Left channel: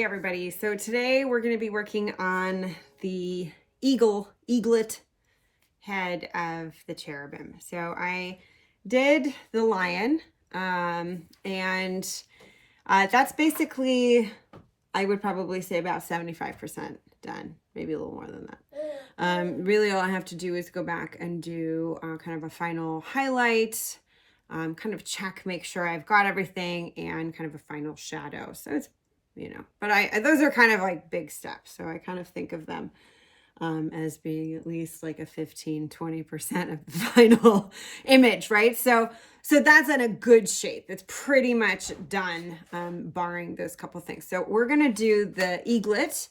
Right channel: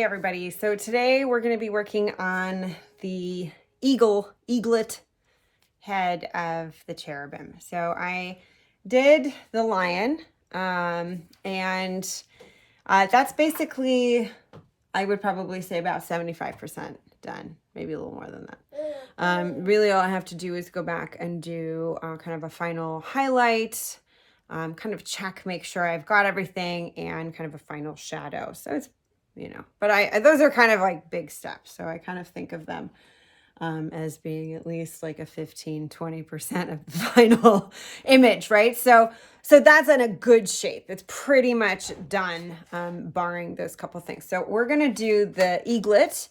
Hey everybody, so today we're going to be working on the eaglet head of the cherubim. So I did the lion, and that's basically, I would probably say about 75% done, maybe a little more than that. Really all I have to do is go back and do kind of a final highlight, kind of check, make sure I've got everything, and kind of a final shadow. So it's, but those are kind of like big steps. So I kind of think of them as being at least like a 15-20% of the final image, right? So that's in a good shape. It's pretty much done, barring those couple things. So we're gonna do the eaglet,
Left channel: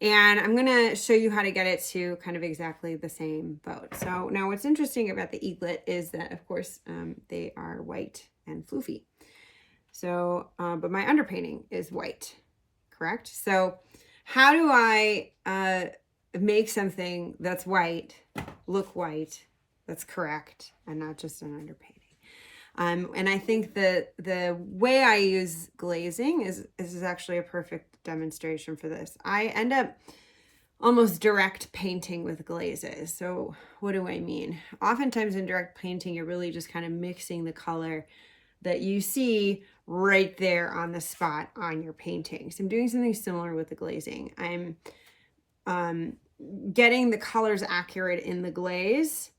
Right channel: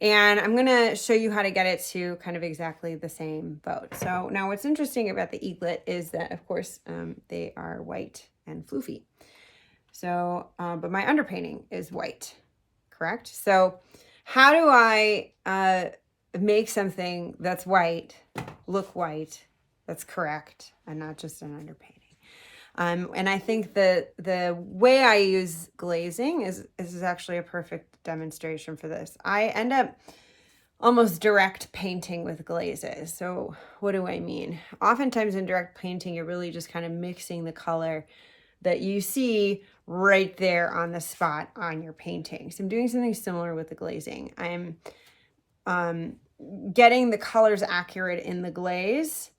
and I'm gonna show you how to get it to kind of exactly the same boat. So now what's interesting about the eaglet is that, of course, they are white and floofy. So, but my underpainting is white, correct? So how do I make something that's white look white, that's correct, and not just an underpainting? And I think that the way I use glazing is actually a perfect demonstration for this. I end up almost direct painting with glazes. So what do I mean? Oftentimes in direct painting, you're really just kind of mixing the color that you see right there on the spot on your painting. So I'm doing something similar with the glazing. I'm getting the colors accurate in the glaze,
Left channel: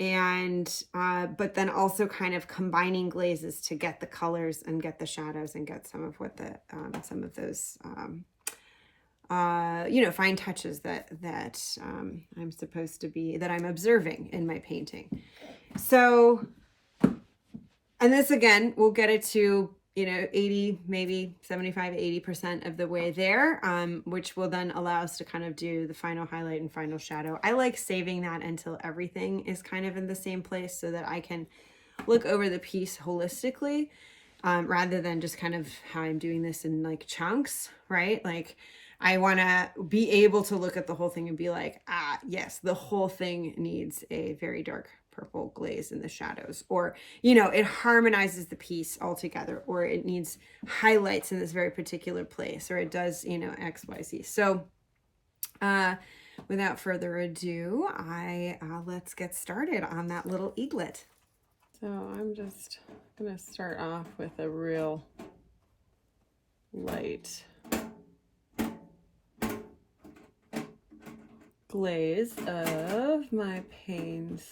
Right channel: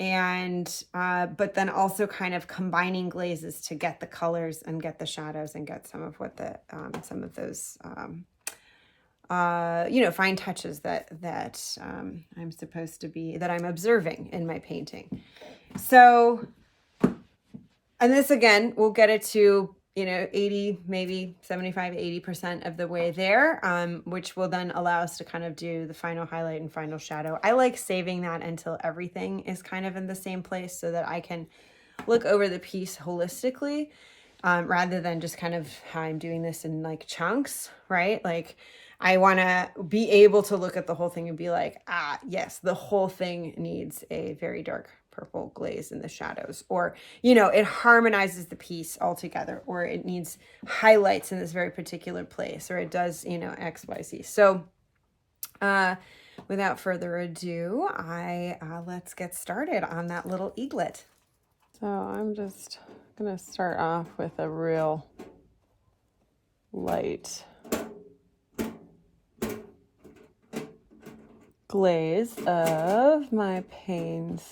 and but then also kind of combining glazes to get the colors and get the shadows and get some of what the some of those fine touches that I'm supposed to be, that I'm observing in my painting. So, and this again, we'll get it to 80, maybe 75, 80% of the way there, which will then allow us to kind of do the final highlight and final shadow. I like saving that until everything is kind of in the same place so that I can look over the piece holistically, rather than just kind of how I'm doing this in like chunks, right? Like I want to be able to look at the whole thing and be like, yes, the whole thing needs a very dark purple glaze in the shadows, or it harmonizes the piece all together, or it needs highlights in this very particular place, or it does XYZ. So without further ado, let's get started on that little eaglet. So I'm just gonna start off with a real light glaze of my Payne's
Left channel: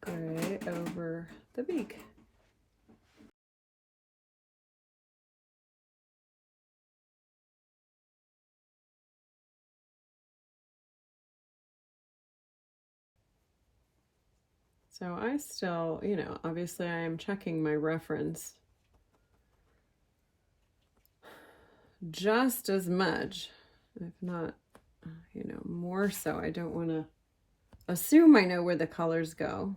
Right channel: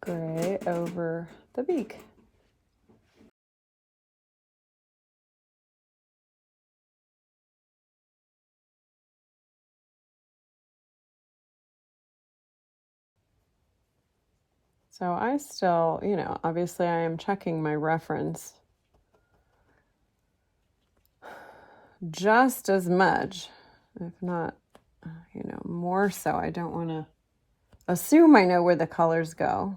gray over the beak. So I still, obviously I am checking my reference just as much, if not, more so. I don't want to assume I know where the colors go,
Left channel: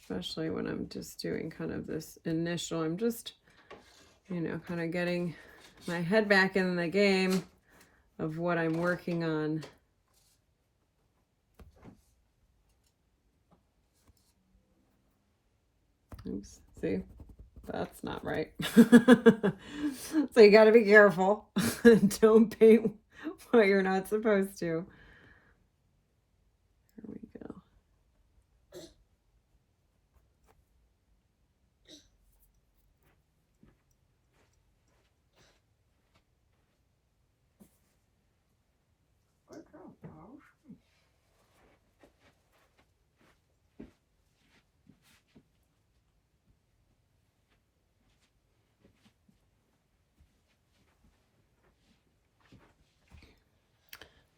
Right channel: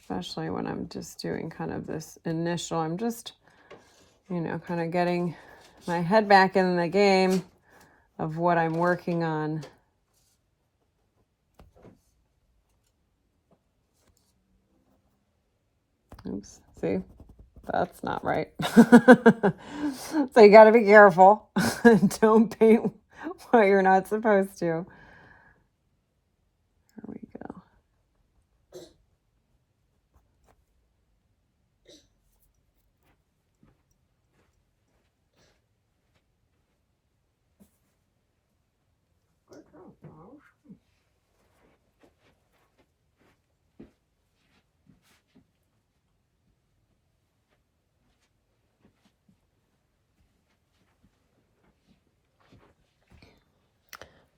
especially when I'm just doing kind of this initial, I'm just, kind of getting my head back in the game of what I'm working on. Oops, see, that's not right. So you got to be careful. Don't paint what you're not supposed to. There we go.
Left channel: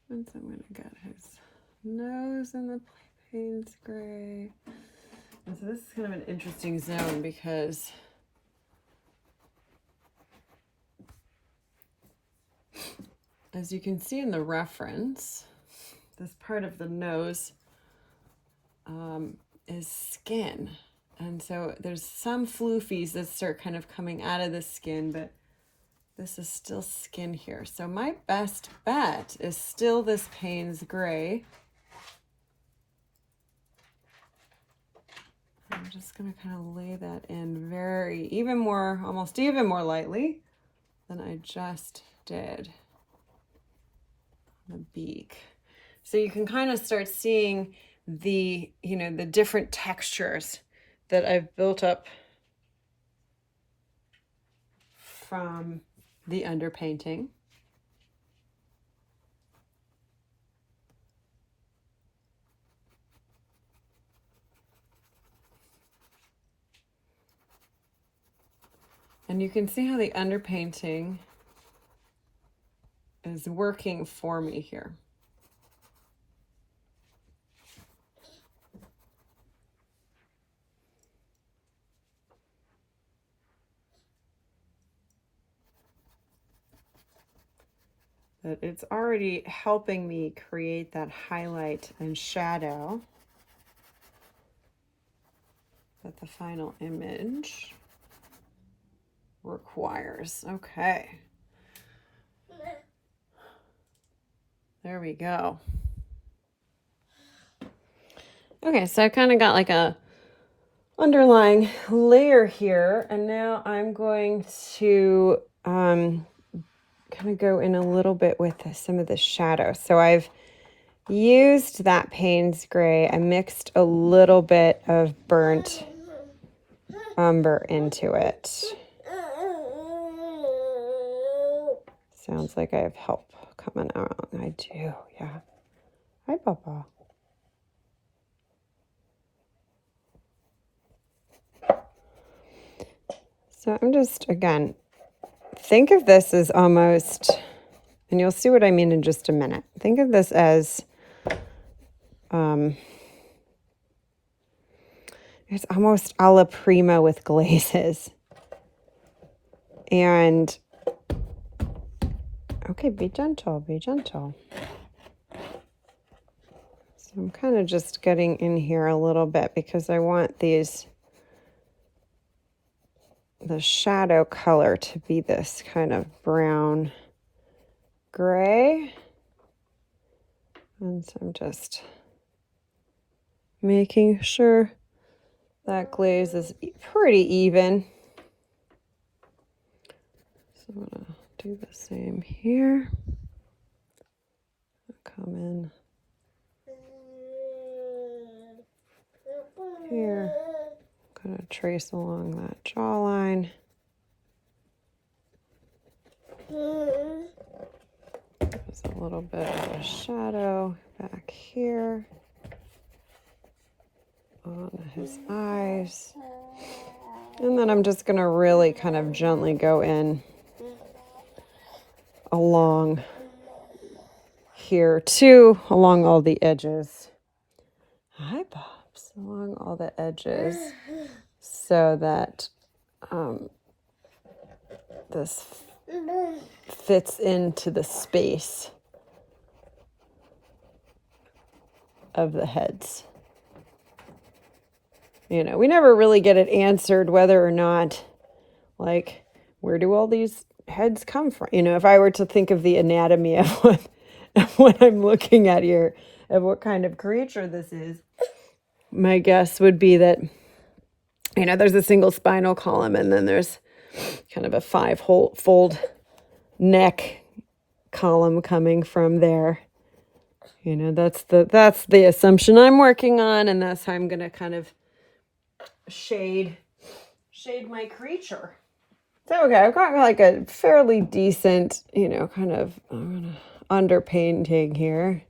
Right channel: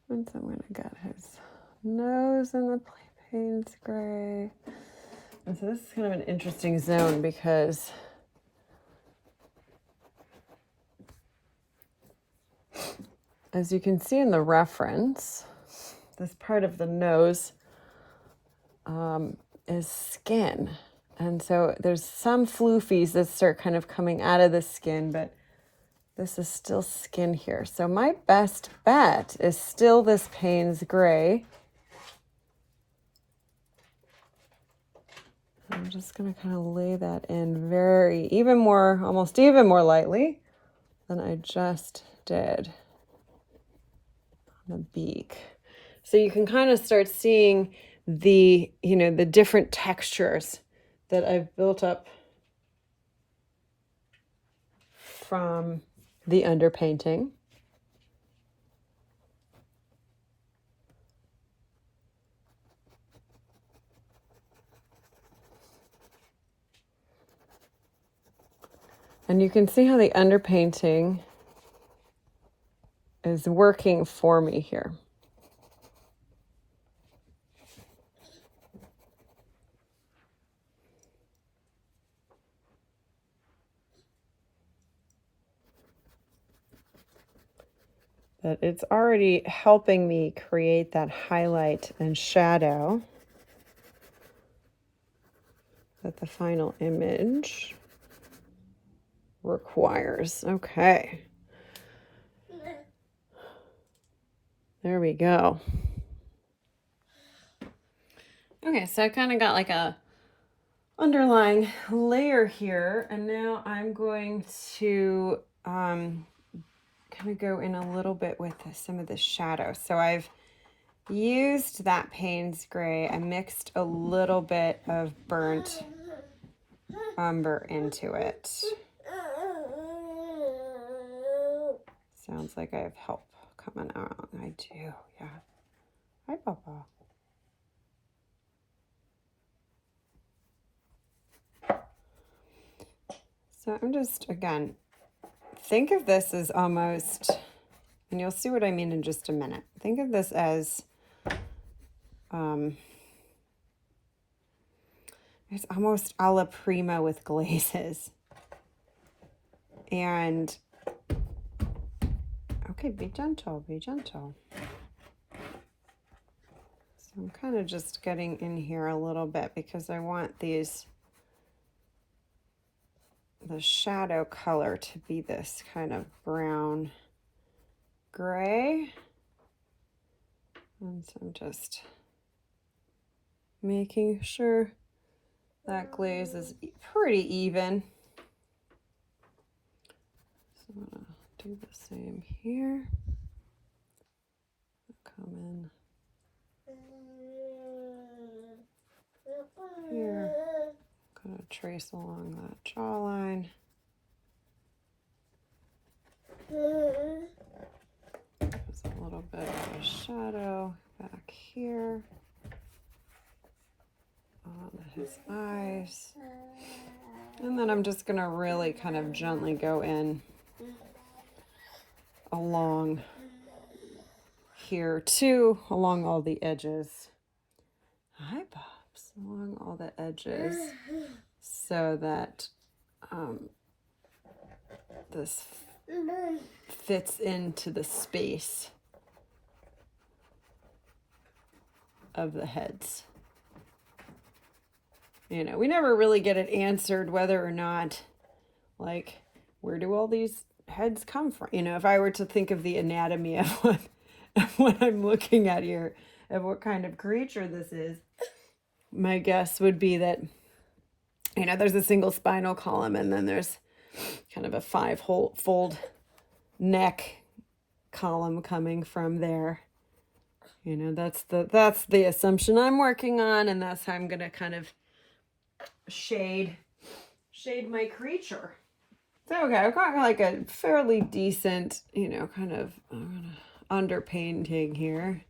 Once I'm going to get his nose in the Payne's gray. And so this is kind of an interesting zone because as you can see in the reference, this part of the nose is skin. And so there's some floofies that start kind of coming out of the skin, but this is still skin here. So my best bet is still this Payne's gray. I'm just going to kind of lay that in almost even more lightly than I just did on the beak. So you can kind of start seeing the different textures that I've built up from the underpainting. And you can see how the underpainting is working for me here. That it's already helping me create that highlight and shadow that the final image requires. Okay. There we go. Okay, so I kind of got like a underlying layer here, and now I'm going to kind of go in a little bit with some of the shadow. So I've used that Payne's gray. I mixed a little bit of burnt umber into it. Sounds like I have help coming out. I do, yeah. Hi, Papa. So I'm just, again, think of this as almost, and you'll see what I mean in just a minute. Think of this as, it's almost a la prima with glazes. And, okay, be gentle, be gentle. So I'm kind of just getting in here a little bit because I want the shadow color to be this kind of brown gray. And so I'm just making sure that glaze is pretty even. So I'm gonna do the same here. Come in here. I'm gonna trace along that jawline. There's a little bit of a shadow back here on his eyes. And then I'm just gonna really kind of gently go in along here too, along all the edges. Hi, Pops. Along all the edges so that this fits into the space of the heads. You know, we never really get it answered whether or not, like, where do all these heads come from? You know, if I were to think of the anatomy of what I'm looking at here, of what kind of creature this is, my guess would be that, you know, there's a single spinal column and then there's kind of a five-fold neck column coming from there. You know, that's the assumption I'm working on, and that's how I'm going to kind of shade my creature. So, okay, I've got like a fairly decent, you know, kind of underpainting here,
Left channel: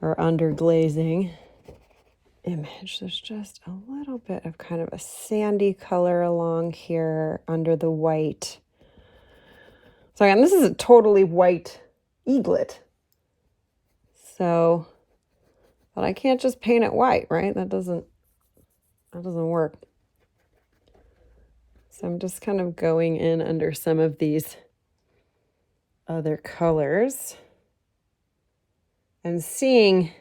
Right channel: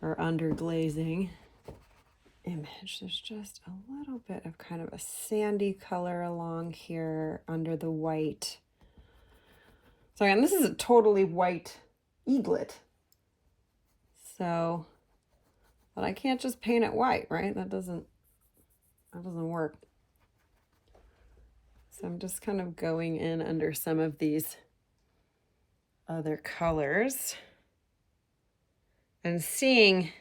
or underglazing image. There's just a little bit of kind of a sandy color along here under the white. So again, this is a totally white eaglet. So, but I can't just paint it white, right? That doesn't work. So I'm just kind of going in under some of these other colors and seeing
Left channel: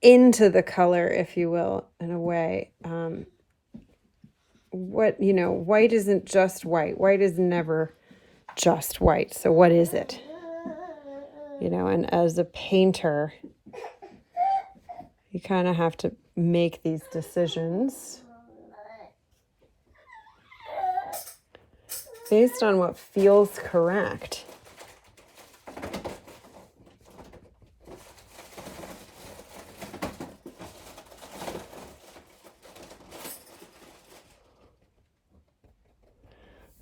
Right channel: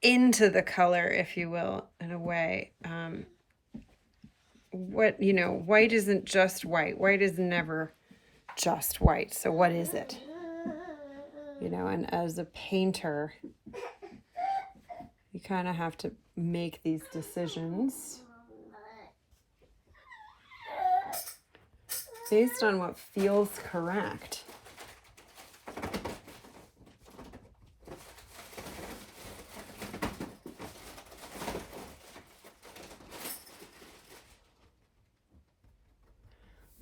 into the color, if you will, in a way. What, you know, white isn't just white. White is never just white. So what is it? You know, and as a painter, You kind of have to make these decisions based on what feels correct.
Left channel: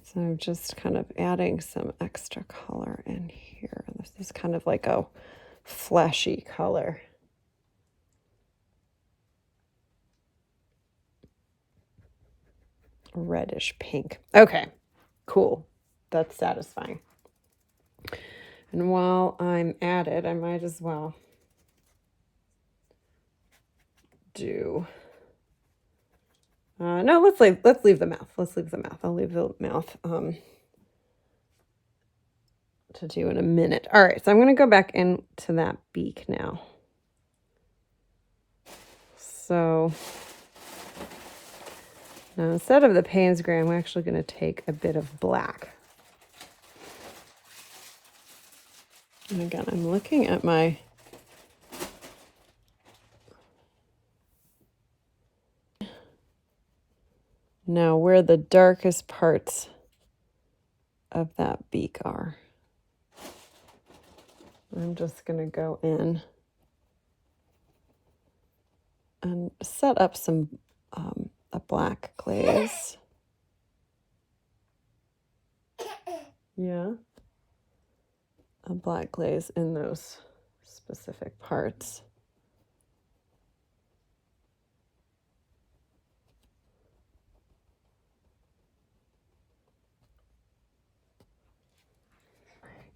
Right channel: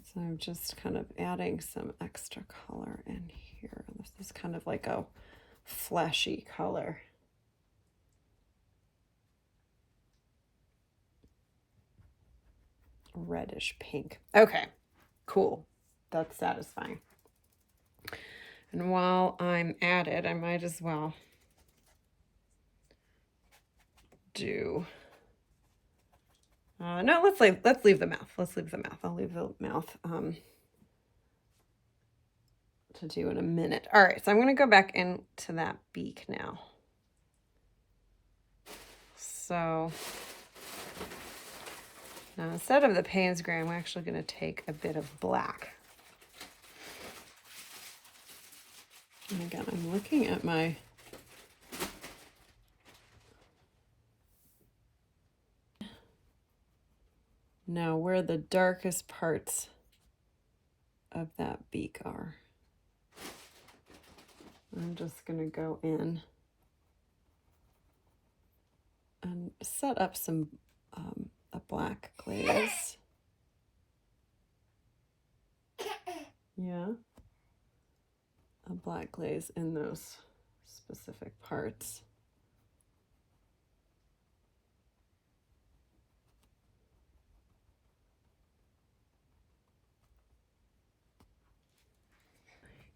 So I'm just kind of adding some extra color in here. This is kind of like a fleshy color. Reddish pink. Okay, cool. That's satisfying. And while I'm at it, I might as well do no, let's leave the mouth. Let's leave the mouth. I'll leave the mouth to do in a minute. All right, so I'm going to go back into that beak now. So now instead of the Payne's gray, I'm actually going to take a bit of black. And again, I'm looking at my now where the darkest parts of that beak are. I'm just going to go in and set up some a black glaze. Yeah. A black glaze in those specific parts.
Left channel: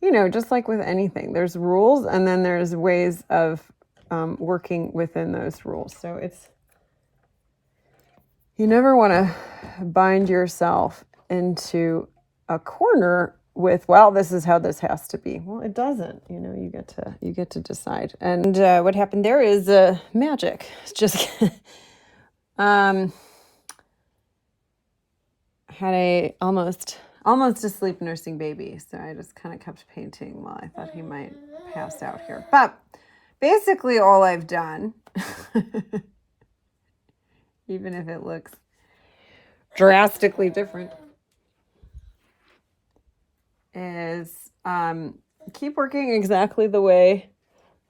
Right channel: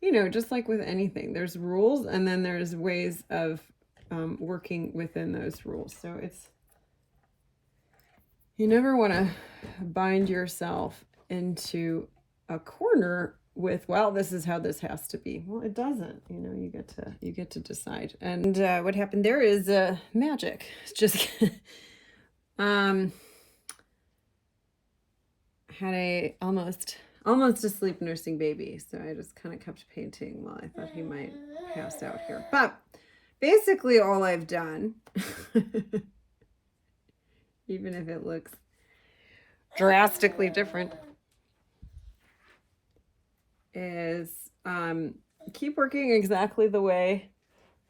You know, just like with anything, there's rules and then there's ways of working within those rules. So you never want to bind yourself into a corner with, well, this is how this has to be. Well, it doesn't. You know, you get to decide. And what happened there is magic. It's just had a almost asleep nursing baby, so I just kind of kept painting while I thought he might pass out here. But basically all I've done, even if it looks drastically different, is keep working exactly the way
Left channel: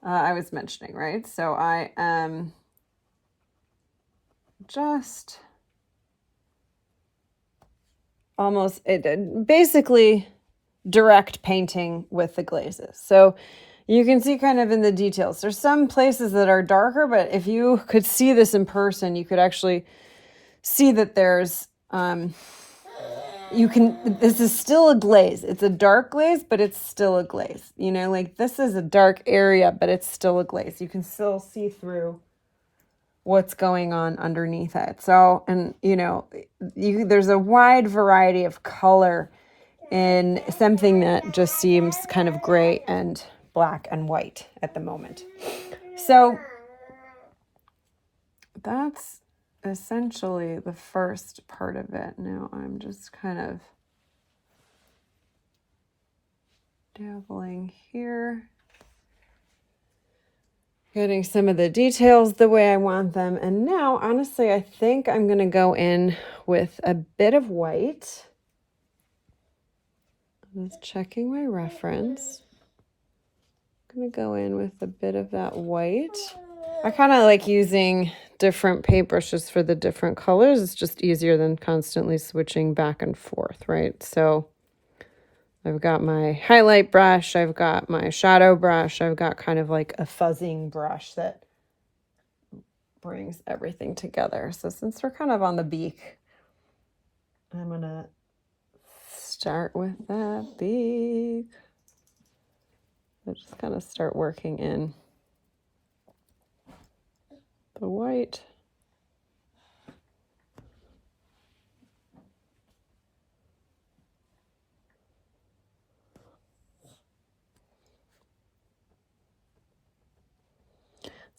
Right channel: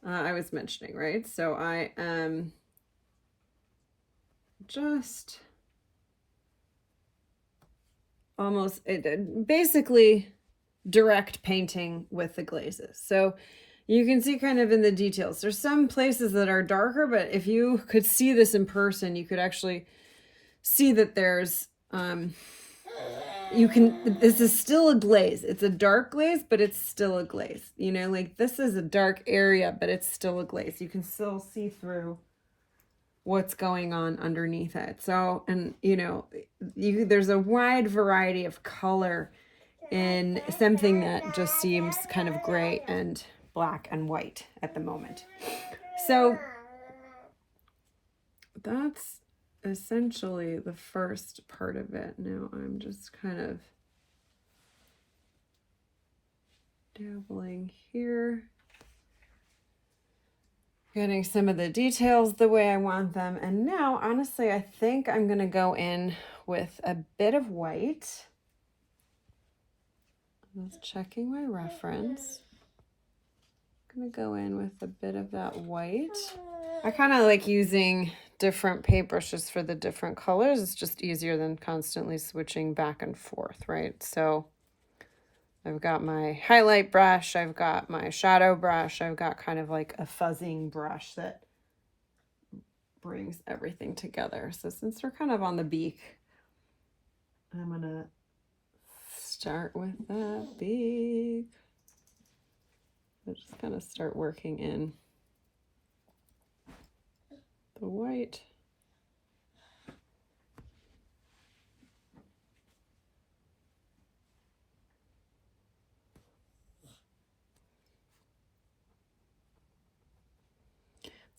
I was mentioning, right? So I am just almost basically direct painting with the glazes. So you can see kind of in the details. There's some places that are darker, but if you could see this in person, you could actually see that there's this is still a glaze. It's a dark glaze, but it's still a glaze. You know, like this is a dark area, but it's still a glaze. You can still see through what's going on underneath it. So, and you know, there's a wide variety of color in something that just seems kind of gray and black and white at the moment. So that's essentially the first part of it. Now I'm just kind of dabbling here, getting some of the details the way I want them. And now, honestly, I think I'm going to go in with a bit of white. I was checking my reference. I'm going to go in with a bit of that white. I kind of like using different paintbrushes for the different colors. It's just easier than constantly switching back and forth, right? So I've got my highlight brush, I've got my shadow brush, I've got kind of like a fuzzing brush that brings everything together. So since we're kind of on the beak, I'm gonna start with that beak. I just kind of start working in the white.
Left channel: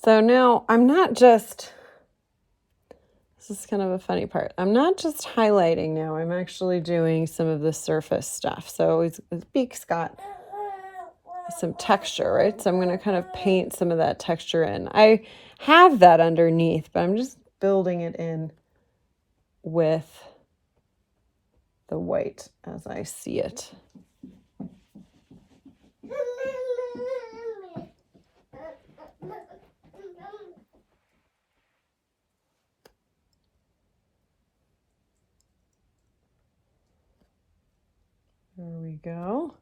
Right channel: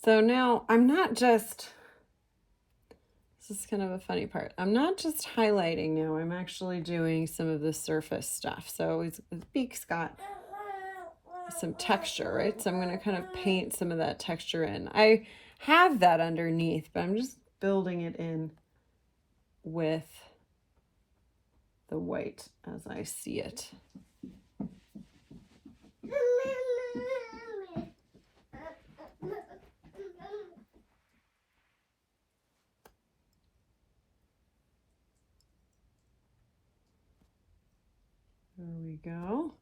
So now I'm not just, this is kind of a funny part, I'm not just highlighting now, I'm actually doing some of the surface stuff. So his beak's got some texture, right? So I'm going to kind of paint some of that texture in. I have that underneath, but I'm just building it in with the white as I see it. There we go.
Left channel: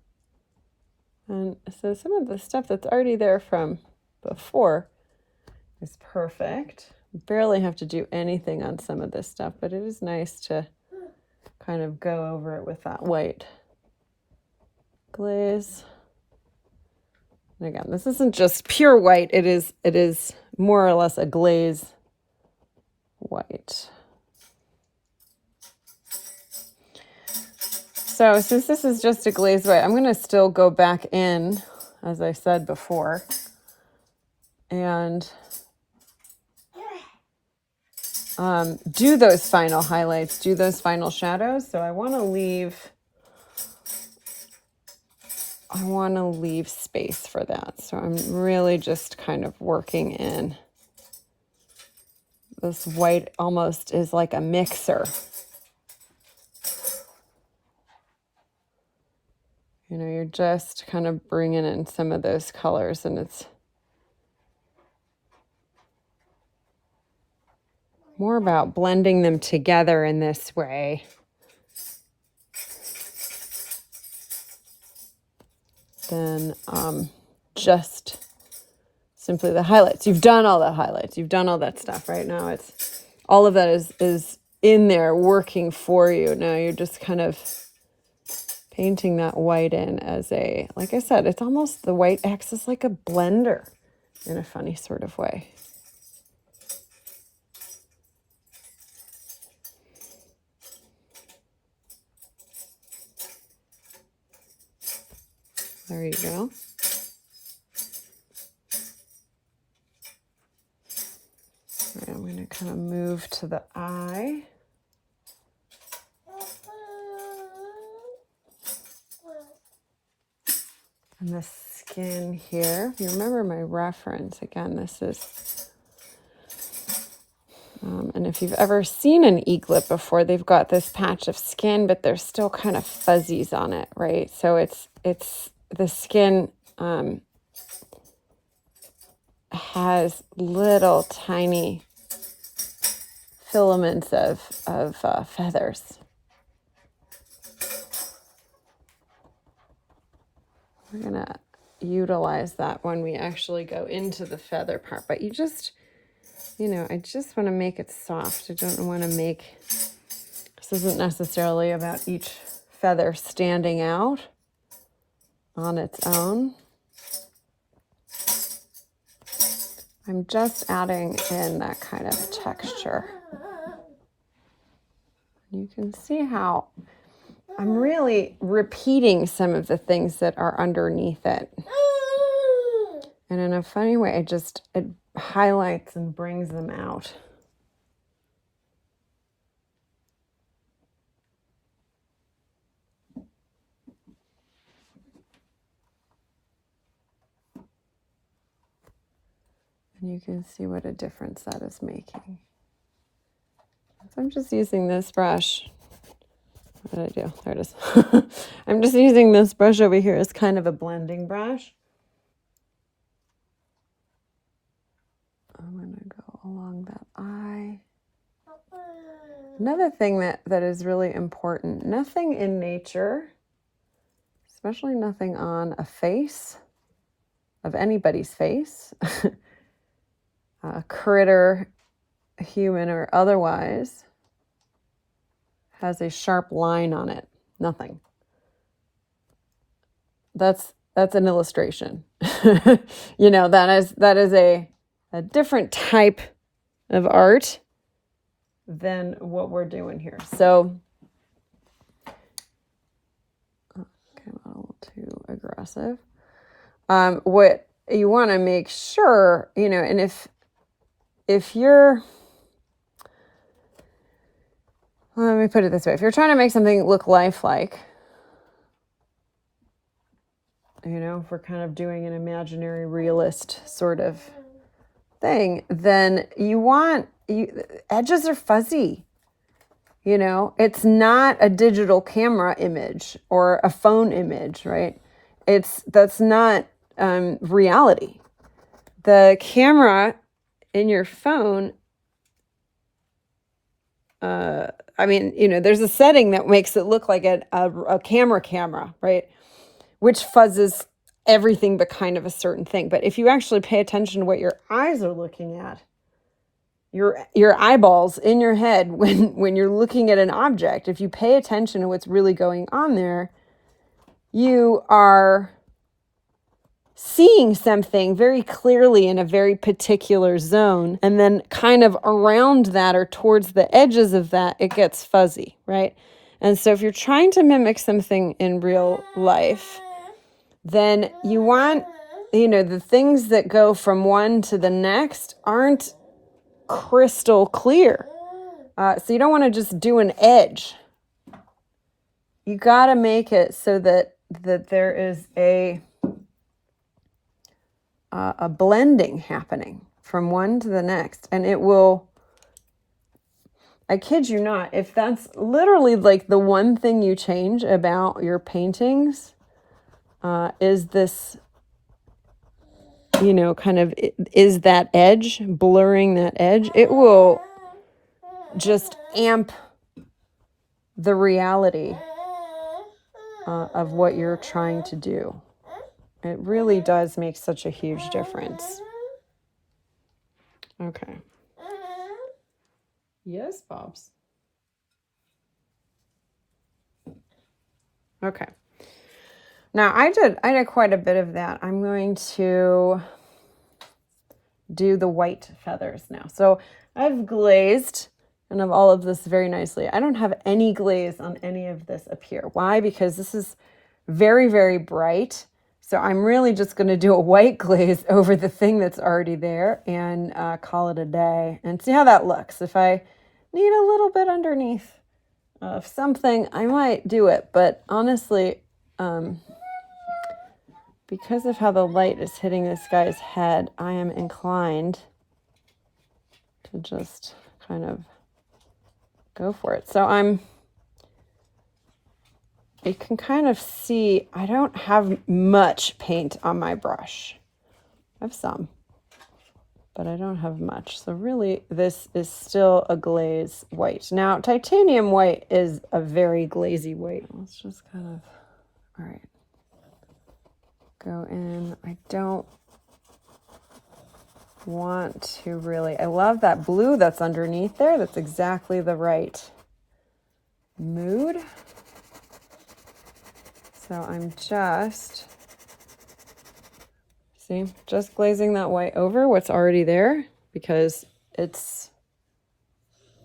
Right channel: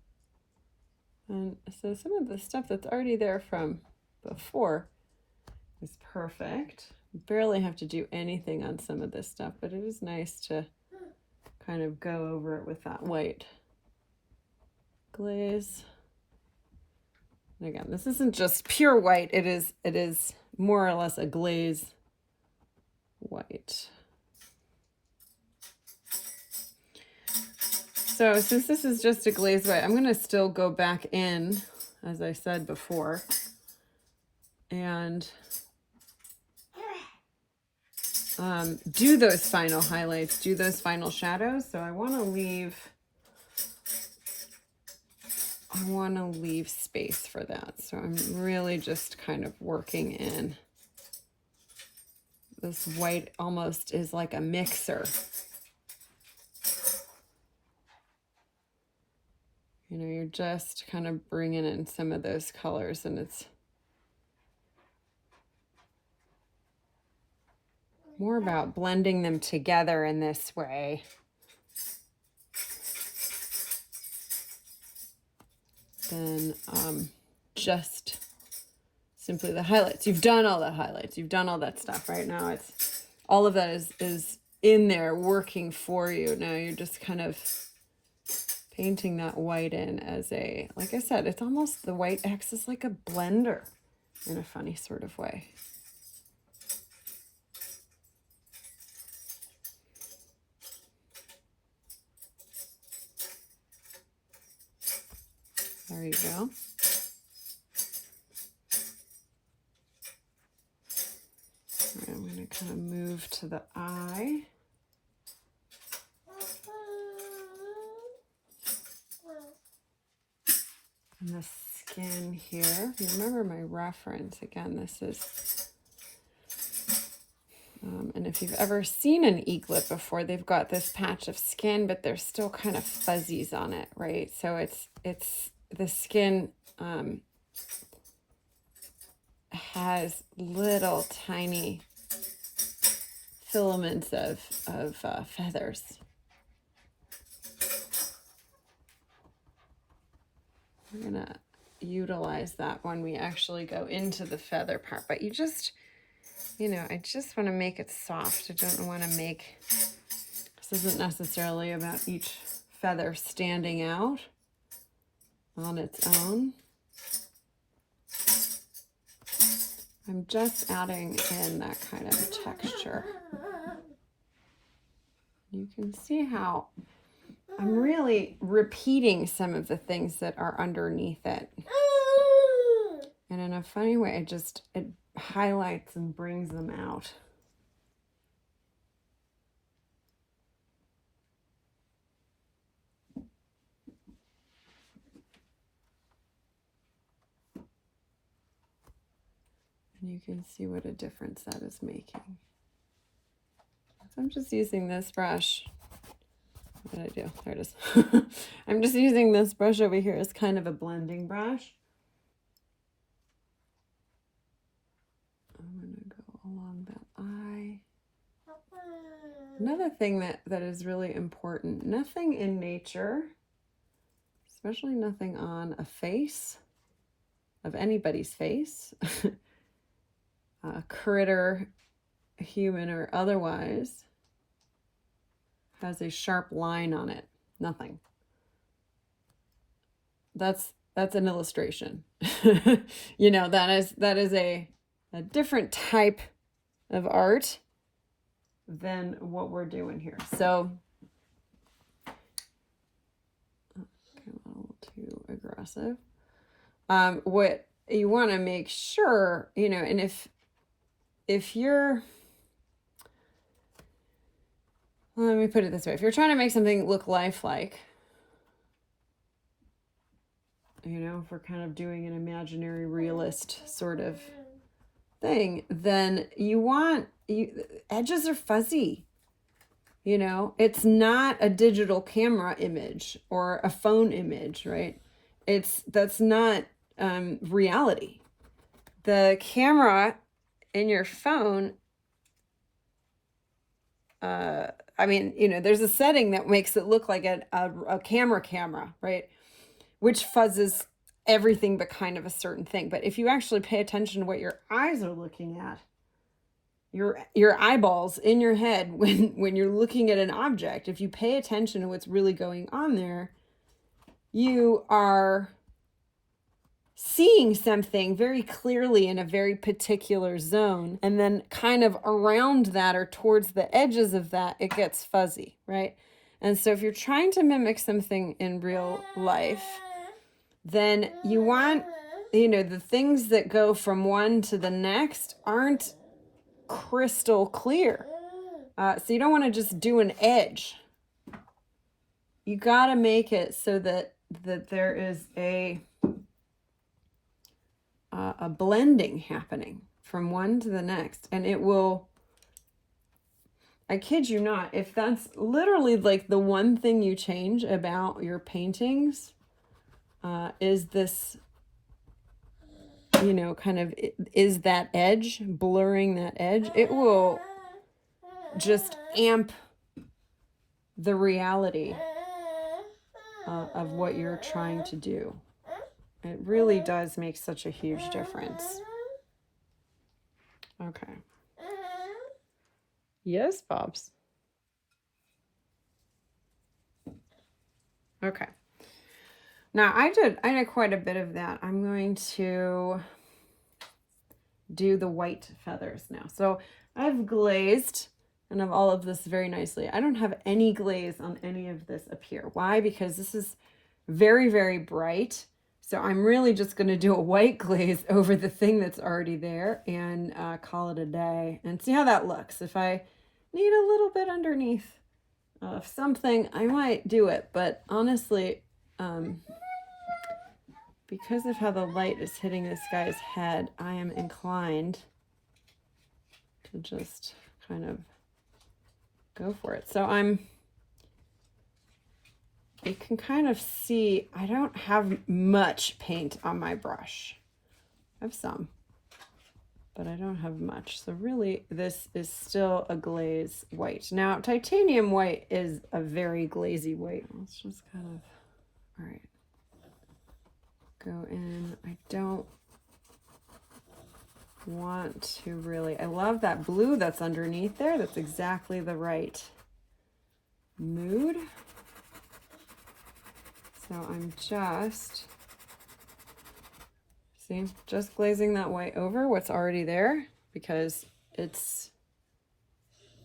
And so some of the stuff that's already there from before is perfect. Barely have to do anything on some of this stuff, but it is nice to kind of go over it with that white glaze. And again, this isn't just pure white, it is more or less a glaze white. So since this is just a glaze white, I'm going to still go back in, as I said before, and do those final highlights, do those final shadows. So I want to leave space for that. So I'm really just kind of working in. This white almost is like a mixer. You know, you're just kind of bringing in some of those colors, and it's more about blending them together in this way. Than just simply the highlights. You've done all the highlights. You've done all that stuff. Right now it's all of that is in there working for you. Now you're just kind of painting that white in as a, like I said, it's almost, the white acts as like a blender in a funny sort of way. There you go. All right, I'm going to kind of move to the eye. And the skin here. If you remember my reference, again, this is, and if you've ever seen an eaglet before, they've got this patch of skin, but there's still kind of fuzzies on it, right? So it's the skin has little tiny filaments of feathers. We're gonna utilize that when we actually go into the feather part, but you just, you know, I just want to make it soft. I don't want to make, this isn't necessarily about each feather standing out on its own. I'm just adding in that kind of texture. You can see how I'm really repeating some of the things that are underneath it. And in a funny way, it highlights and brings them out. And you can see what a difference that is making. So I'm just using this brush. What did I do? There it is. I'm just using this brush over here as kind of a blending brush. I'm going to go along that eye. Another thing that is really important, nothing in nature, especially nothing on a face, of anybody's face, a critter, human or otherwise, has a sharp line on it. Nothing. That's an illustration. You know, that is a different type of art than what we're doing here. So, okay, I'm a little too aggressive. What you want to make sure, you know, and if you're, let me put it this way, if you're trying to make something look lifelike, you know, if we're kind of doing an imaginary realist sort of thing, then edges are fuzzy. You know, it's not a digital camera image or a phone image, right? That's not reality. The camera in your phone, I mean, you know, there's a setting that makes it look like a camera, right? Which fuzzes everything but kind of a certain thing. But if you actually pay attention to what your eyes are looking at, your eyeballs in your head when you're looking at an object, if you pay attention to what's really going on there, you are seeing something very clearly in a very particular zone, and then kind of around that or towards the edges of that, it gets fuzzy, right? And so if you're trying to mimic something in real life, then you want, you know, the things that go from one to the next aren't crystal clear. So you don't want to just do an edge. You got to make it so that there is a blending happening from one to the next. And it will, I kid you not, if that's literally like the one thing you change about your paintings, is this, you know, kind of, is that edge, blurring that edge, it will just amp the reality of what you're trying to do. It really does make such a huge difference. Okay. Yes, Bobs. Okay. Now I did quite a bit of that. I'm going to do the white feathers now. So I've glazed and of all of this very nicely. I don't have any glaze on any of this up here. Why? Because this is very, very bright. So I'm really just going to do a white glaze over the thing that's already there and call it a day and see how that looks. If I need a little bit underneath of something, I might do it. But honestly, because of how the light is hitting this guy's head, I am inclined to just kind of go for it. So you can kind of see, I don't have much paint on my brush. I have some, but I don't have much. So really, this is still a glaze white. Now, titanium white is a very glazy white. Let's just kind of, all right, go in. I don't want to really, I love that blue that's underneath there. That's exactly the right mood. So I'm just, see, just glazing that white over what's already there because it's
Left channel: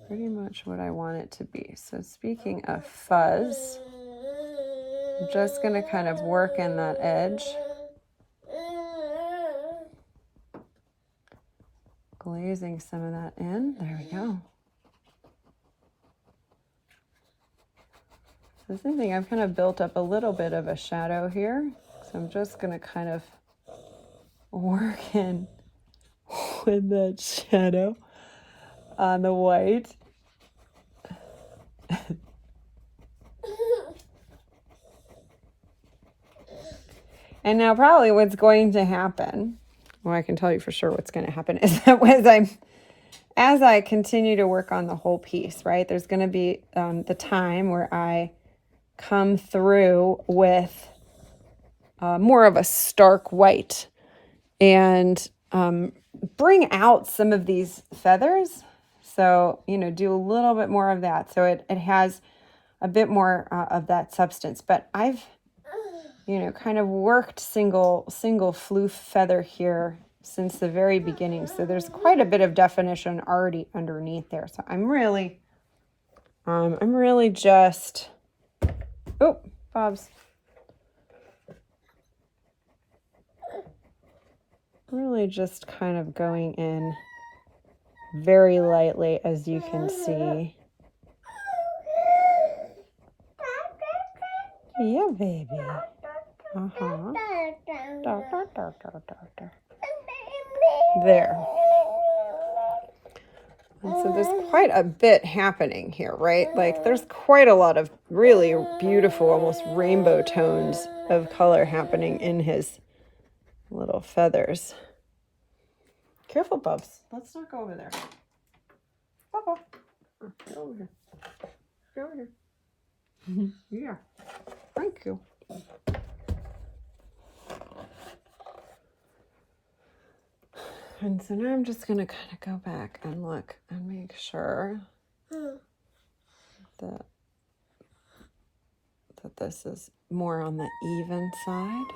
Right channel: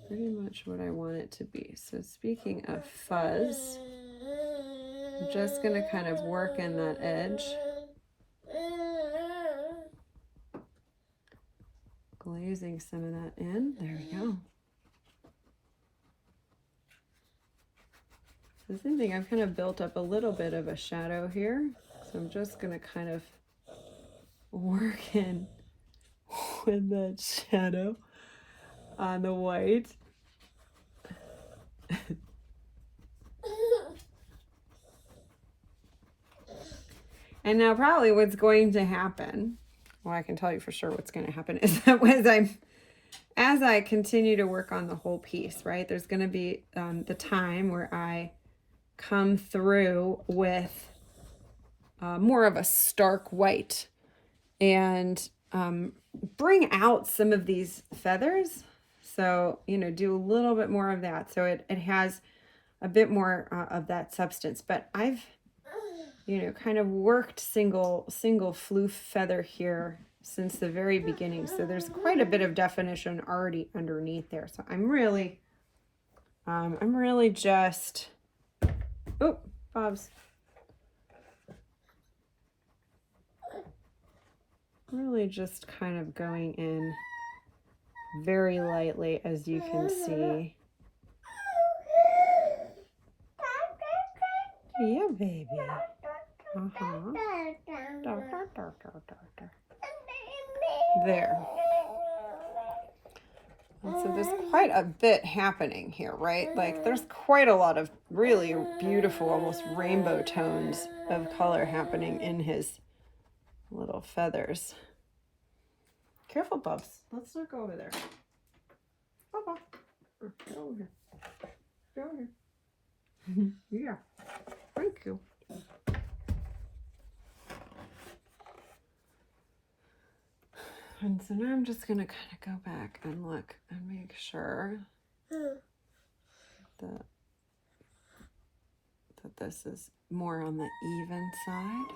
pretty much what I want it to be. So speaking of fuzz, I'm just going to kind of work in that edge. Glazing some of that in. There we go. So same thing, I've kind of built up a little bit of a shadow here. So I'm just going to kind of work in with that shadow on the white. And now probably what's going to happen, well, I can tell you for sure what's going to happen is that as I continue to work on the whole piece, right, there's going to be the time where I come through with more of a stark white and bring out some of these feathers. So, you know, do a little bit more of that. So it has a bit more of that substance. But I've, you know, kind of worked single floof feather here since the very beginning. So there's quite a bit of definition already underneath there. So I'm really just, oh, Bob's. Really just kind of going in very lightly, as you can see. Yeah, baby. Uh-huh. There. And so there's quite a bit happening here, right? Like there's quite a lot of really beautiful, almost rainbow tones of color happening in his little feathers. Careful, Bubs. Let's not go over there. Bubba. Go over here. Go over here. Yeah. Thank you. And so now I'm just going to kind of go back and look and make sure that this is more on the even side.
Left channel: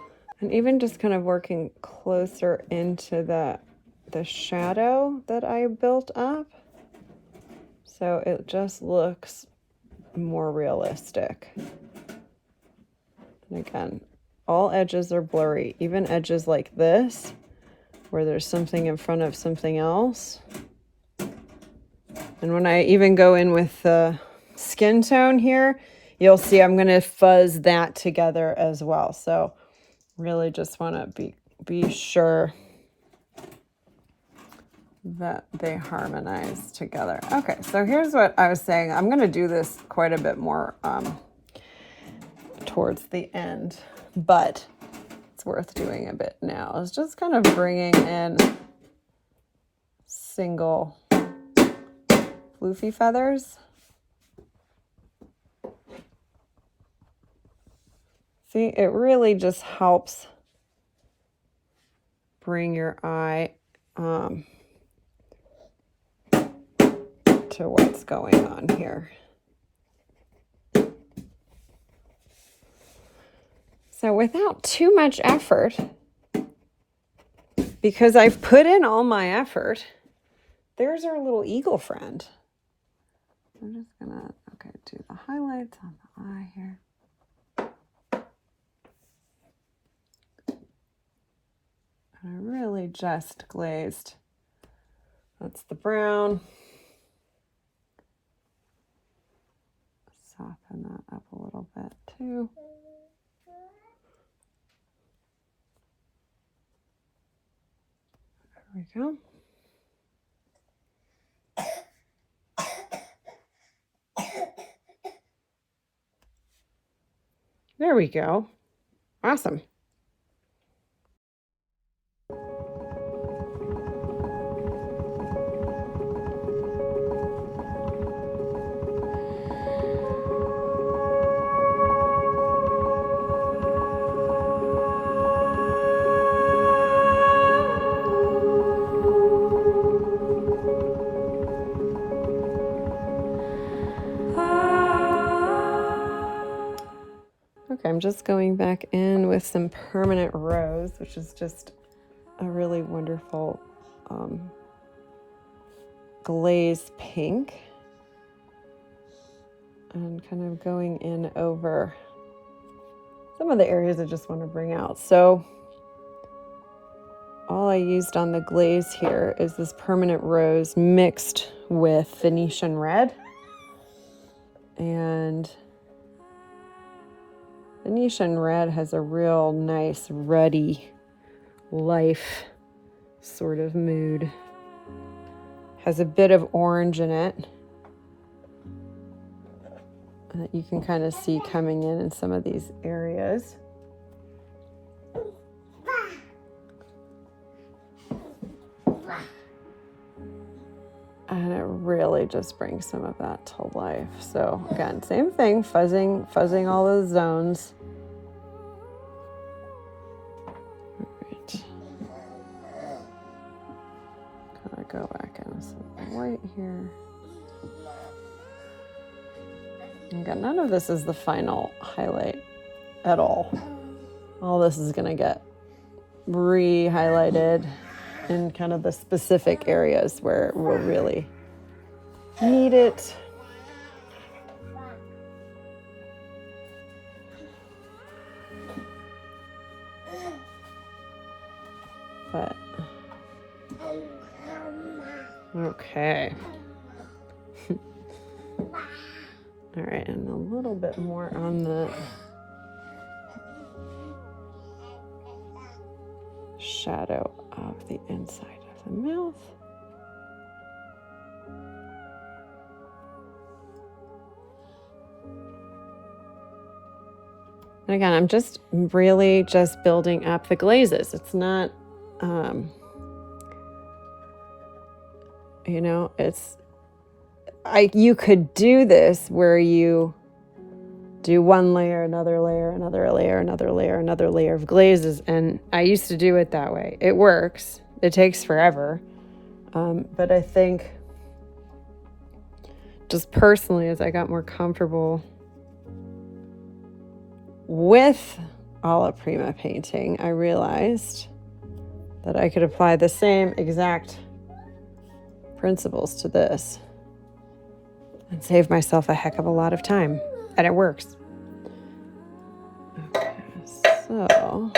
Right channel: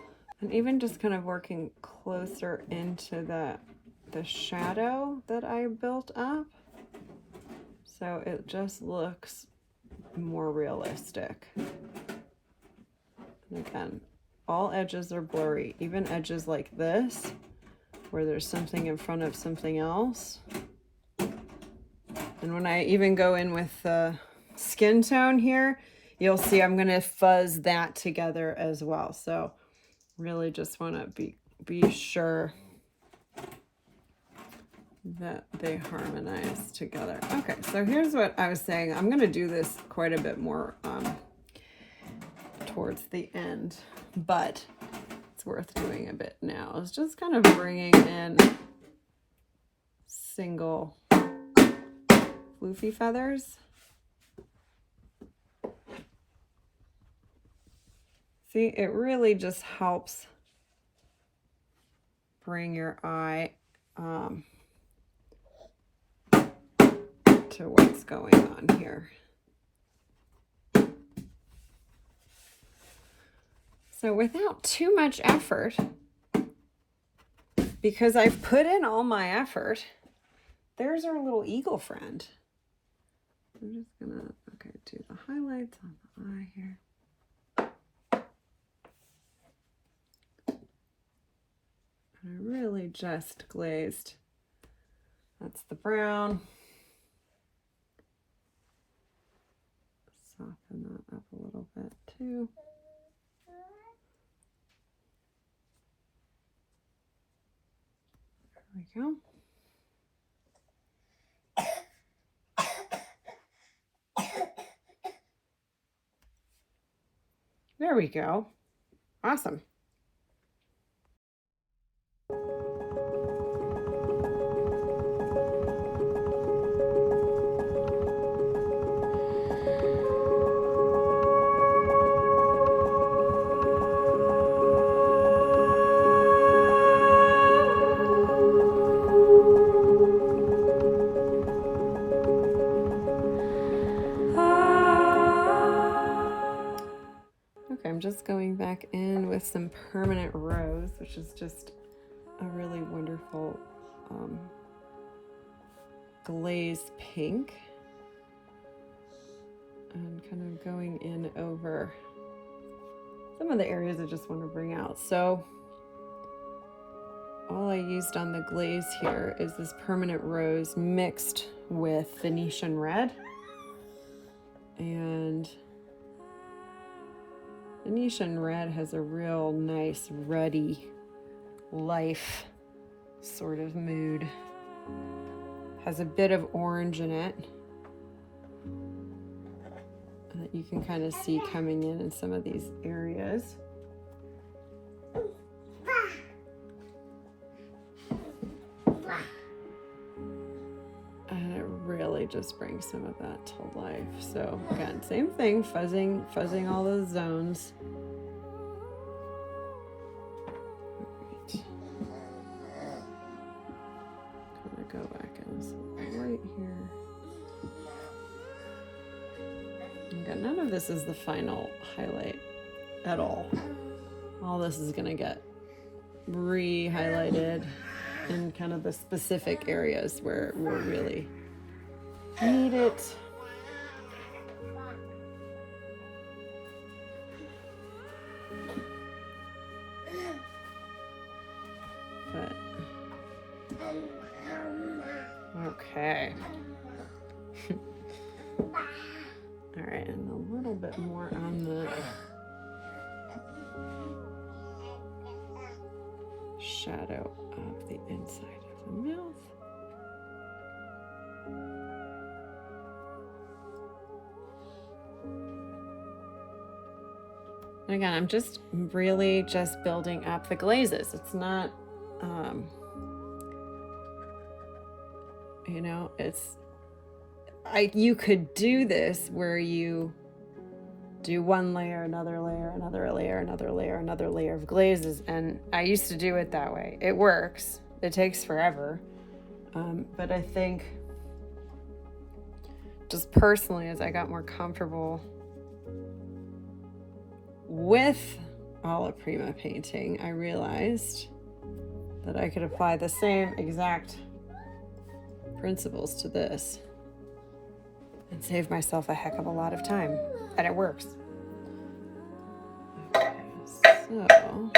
And even just kind of working closer into the shadow that I built up. So it just looks more realistic. And again, all edges are blurry, even edges like this, where there's something in front of something else. And when I even go in with the skin tone here, you'll see I'm going to fuzz that together as well. So really just want to be sure that they harmonize together. Okay, so here's what I was saying. I'm going to do this quite a bit more towards the end, but it's worth doing a bit now. It's just kind of bringing in single floofy feathers. See, it really just helps bring your eye to what's going on here. So without too much effort, because I've put in all my effort, there's our little eagle friend. I'm just gonna, do the highlights on the eye here. I really just glazed. That's the brown. Soften that up a little bit too. There we go. There we go. Awesome. I'm just going back in with some permanent rose, which is just a really wonderful glaze pink, and kind of going in over some of the areas I just want to bring out. So all I used on the glaze here is this permanent rose mixed with Venetian red, and Venetian red has a real nice, ruddy, life sort of mood. Has a bit of orange in it that you can kind of see coming in some of these areas. And it really just brings some of that to life. So again, same thing, fuzzing all those zones. All right. Gotta go back in with some white here. Again, none of this is the final highlight at all. All this is gonna get re-highlighted in kind of the specific areas where we'll really need it. But okay. All right, and a little bit more on the shadow of the inside of the mouth. And again, I'm just really just building up the glazes. It's not, you know, you could do this where you do one layer, another layer, another layer, another layer, another layer of glazes. And I used to do it that way. It works. It takes forever. But I think just personally, as I got more comfortable with alla prima painting, I realized that I could apply the same exact principles to this and save myself a heck of a lot of time. And it works. Okay, so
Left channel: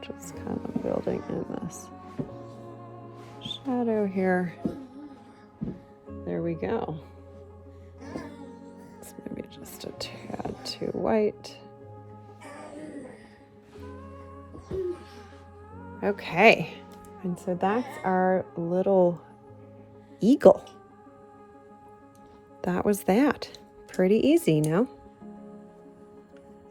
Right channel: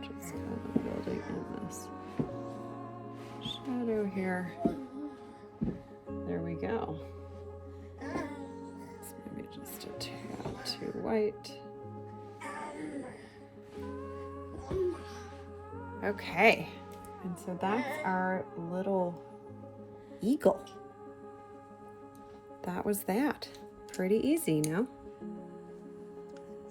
just kind of building in this shadow here. There we go. It's maybe just a tad too white. Okay, and so that's our little eagle. That was that. Pretty easy, no?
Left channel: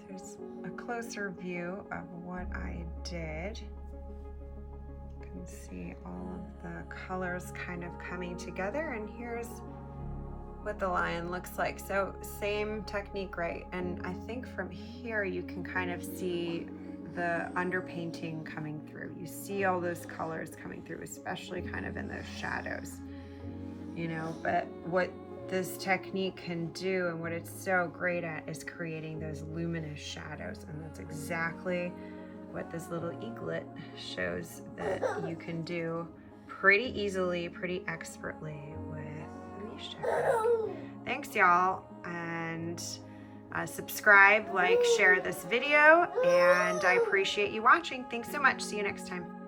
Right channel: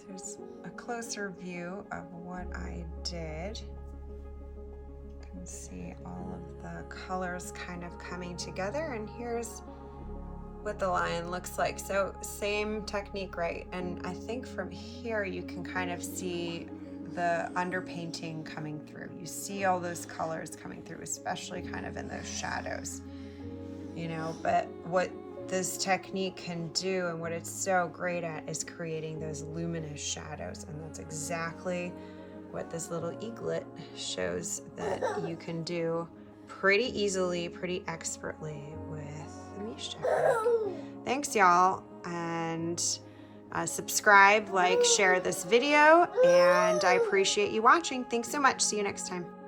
Here's a closer view of what I did. You can see all of the colors kind of coming together, and here's what the lion looks like. So same technique, right? And I think from here you can kind of see the underpainting coming through. You see all those colors coming through, especially kind of in those shadows, you know. But what this technique can do and what it's so great at is creating those luminous shadows, and that's exactly what this little eaglet shows that you can do pretty easily, pretty expertly with the Mische Technique. Thanks, y'all, and subscribe, like, share this video, and I appreciate you watching. Thanks so much. See you next time.